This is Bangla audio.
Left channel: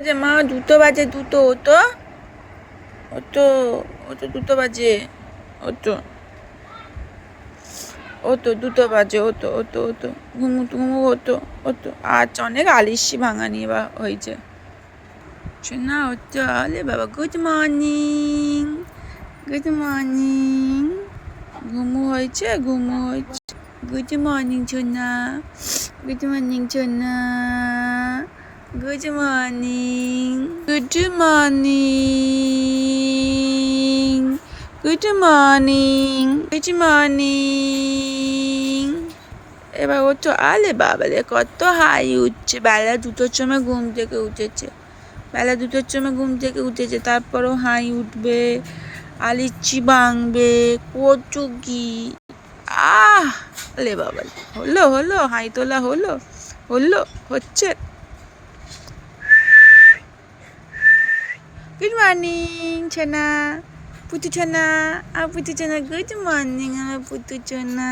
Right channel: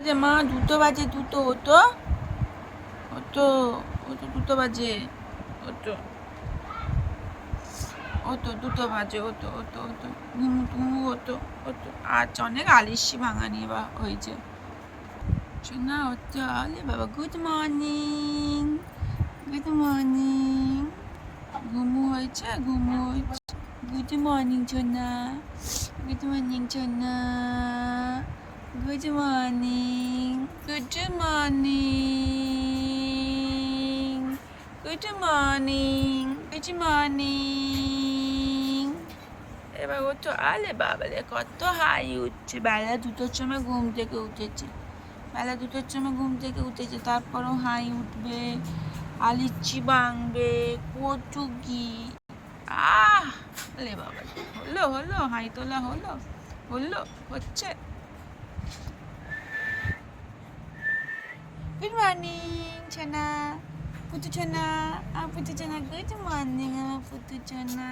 যে মা দুটো বাজে, দুটো হতো হতো হতো, দুটো বাজে হতো হতো, দুটো বাজে হতো হতো হতো, ঘুমু ঘুমু হতো হতো। আজ অনেক আলিশি ভাঙা নিয়ে বা হয়েছে না হচ্ছে। আলে বাবা, গুড মর্নিং, গুড মর্নিং। ঘুমু হয়েছে, ঘুমু হয়েছে। গুড মর্নিং সোনা, গুড মর্নিং সোনা, good morning, good morning, good morning, good morning. এবার ও তো আলে বাবালে কত হাই উঠছে। বেলা দুটোর সময় ঘুম থেকে উঠেছে, বেলা দুটোর সময় ঘুম থেকে উঠেছে, তারপরও হাই উঠবে, আলিচি ভাঙবে, কচু কি আলে বাবা। হলো হলো, হাই তোলা হলো, হলো, হচ্ছে। গুড মর্নিং সোনা, পুতু সোনা, পুতু সোনা, গুড মর্নিং আমার পুতু সোনা।